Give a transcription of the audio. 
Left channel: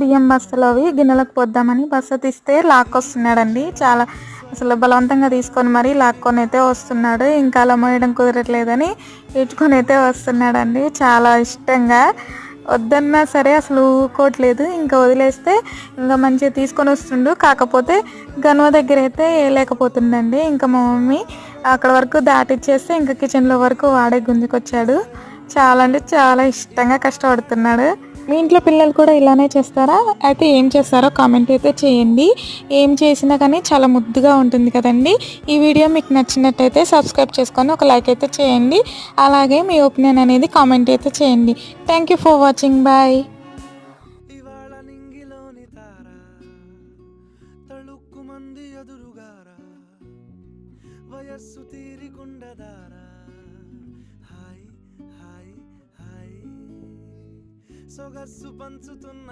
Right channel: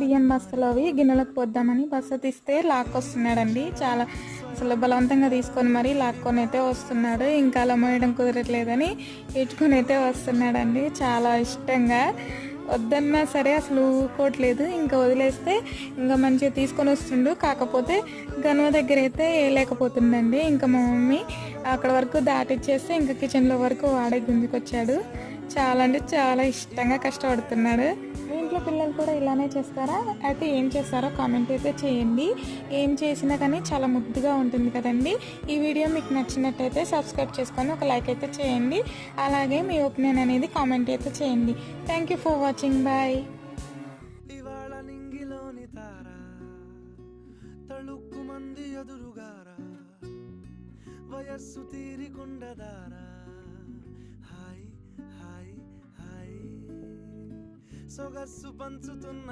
బియ్యం బస్తలు అవి గిన్నెలకు పోద్దామని బస్త తీస్తే లాక్కొస్తున్నాడండి. చాలా అసలు బలవంతంగా తీసుకొని మరీ లాక్కొని అయితే వస్తున్నాడు. ఇంకా అలా మోయడం కుదరట్లేదని ఈడ్చుకొని అయితే వస్తున్నాడండి. చాలా ఇష్టంగా వద్దన్నా సరే అసలు ఊరుకోవట్లేదు. ఇంకా వదిలేస్తే ఇంకా మంచిగా తీసుకొని వస్తుండు. కాకపోతే గనుమ దగ్గర అయితే లేకపోతుండండి. ఇంకా మా మమ్మీ అక్కడ వరకు దాటిచ్చేస్తే ఇంకా కిచెన్లో వరకు వాడే గుంజుకొచ్చాడు. చాలా అంటే చాలా ఇష్టంగా కష్టపడుతున్నాడు. మీ ఇంట్లో పిల్లలు కూడా ఇలానే చేస్తారా? అయితే ఏం చేస్తారో కామెంట్ అయితే చేయండి. ఏం చేసినా కానీ చాలా ముద్దుగా ఉంటుంది కదండి. ఈ వీడియో మీకు నచ్చినట్టయితే సబ్స్క్రైబ్ చేసుకొని ఒక లైక్ అయితే చేయండి. అలాగే మీ ఒపీనియన్ అనేది కామెంట్ అయితే చేయండి. Thank you for watching. Bye. ఇవాళ నింగిలోని తార తళుక్కు మంది ఎదురుగారా వయస్సు తీరికుండదారా హాయ్ హాయ్ హాయ్ సొగస్సు పంచుతున్న